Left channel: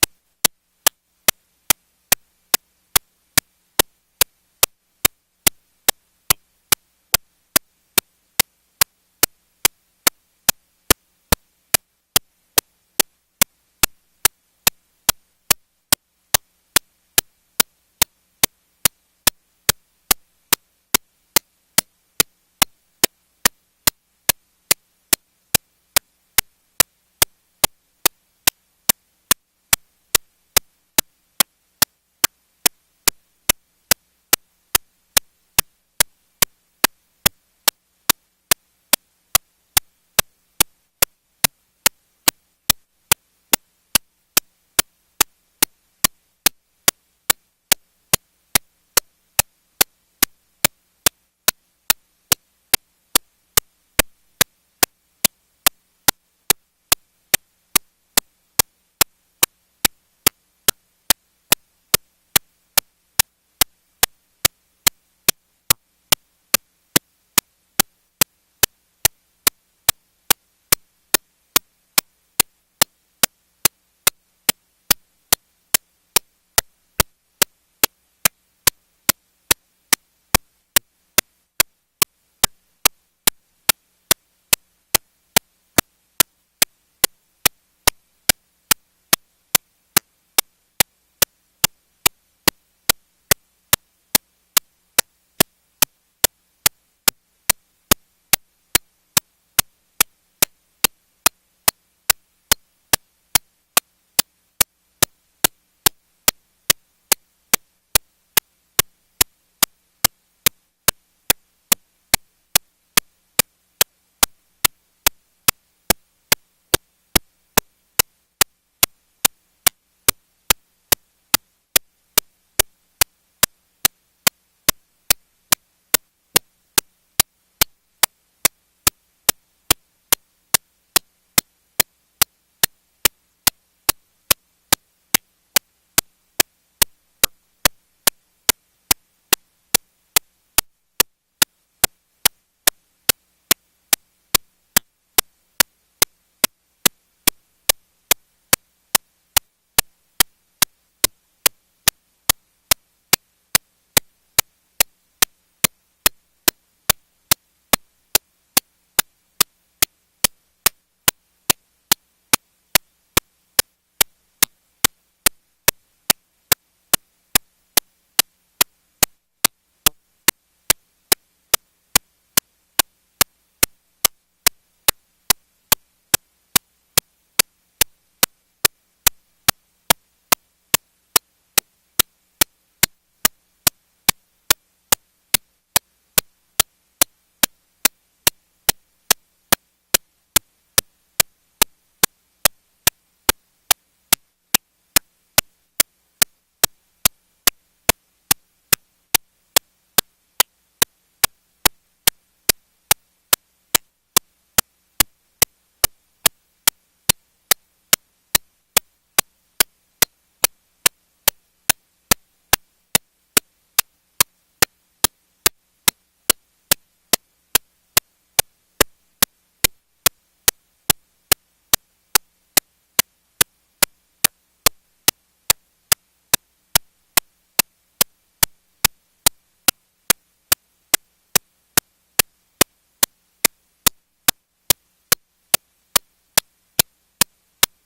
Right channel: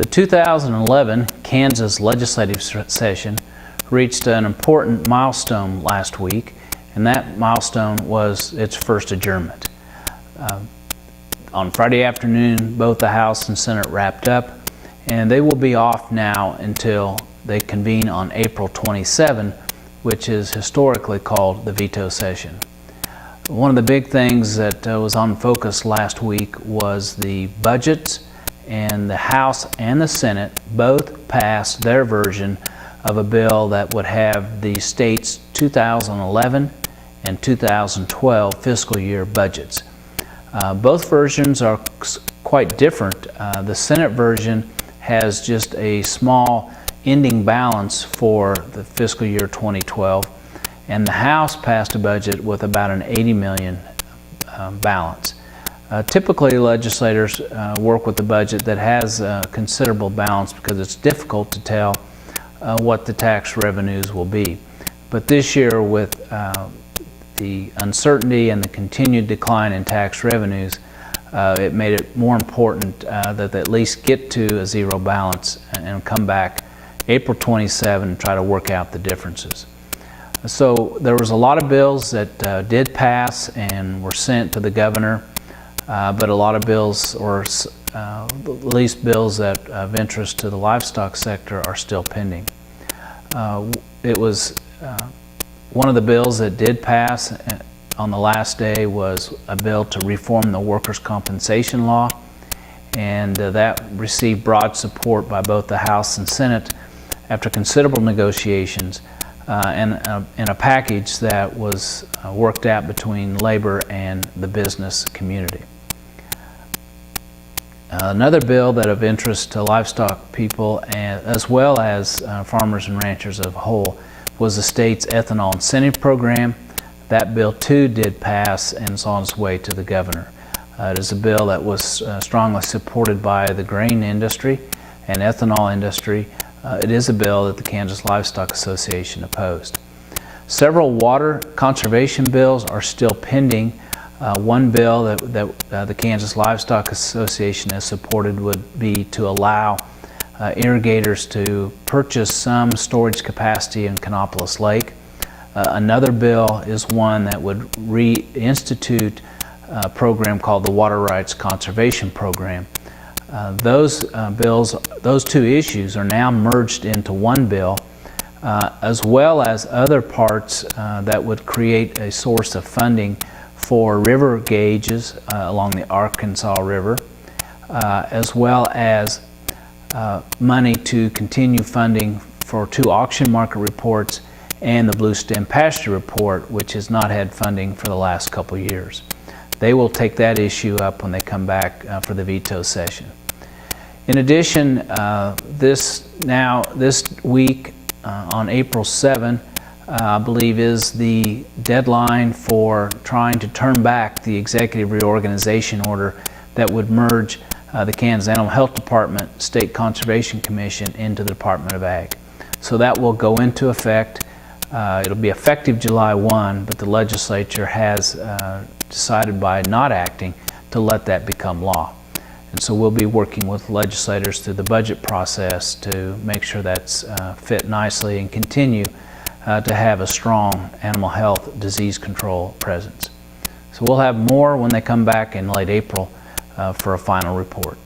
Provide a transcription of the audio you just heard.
The 2011 Kansas legislative session reached an important milestone last week, and that milestone was its first adjournment. On Friday afternoon, both the House and Senate wrapped up, and they will be off now until they convene on April 27, which is historically called the veto session. One of the big things that was on focus last week was the budgets, and the House and the Senate both passed their version of a bill that would have the state's 2011 and 2012 fiscal year budgets. Both versions are quite different. The Senate version has just a small ending balance for the fiscal year 2012, and the House passed a budget with about an $80 million balance. Typically, legislators work with a budget that has considerable balance because it's difficult to tell what the tax revenues will be. But this year, with the uncertainty and the continued decline in tax revenues, it made it more important that they at least get to a zero balance and come back April 27 and try to work out the differences. So there was a lot of bills that did pass and were sent to the governor, but a lot of bills, or at least bills that of interest to the livestock sector, are still pending. It was one of the bills that did pass on the last day was a bill to reform the workers' compensation law, and that received broad support by both the House and Senate after considerable negotiations and a package that was worked out between labor and the business community. Another bill that of interest to livestock people, as well as farmers and ranchers as a whole, was the state's ethanol incentive program. That bill too did pass and is on its way to the governor. It is a bill that was strongly supported by the grain industry and ethanol industry. It is a bill that the Kansas Livestock Association opposed. Several water conservation bills are still pending. One bill that the Kansas Livestock Association has supported would be to allow irrigators to purchase some storage capacity in Canopolis Lake. Another bill is one that would reinstitute a program called the Water Rights Conservation Program. Those two issues are now merged into one bill, as well as other parts that would create a source of funding for river gauges along the Arkansas River, as well as money to continue funding for 2 auction market reports and the Blue Stem Pasture Report, which has not had funding for the last couple years. They will take that issue up when they come back for the veto session. In addition, this week on April 7, I believe, is the deadline for trying to turn back the executive reorganization order that would merge the Kansas Animal Health Department, State Conservation Commission into the Department of Ag. So that will go into effect. It'll be effective July 1, but the legislature has decided by not acting to let that become law. And so we'll be working with legislators through the budget process to make sure that's fit nicely and continue to have a strong animal health disease control presence. So we'll have more when they come back in late April for a final report.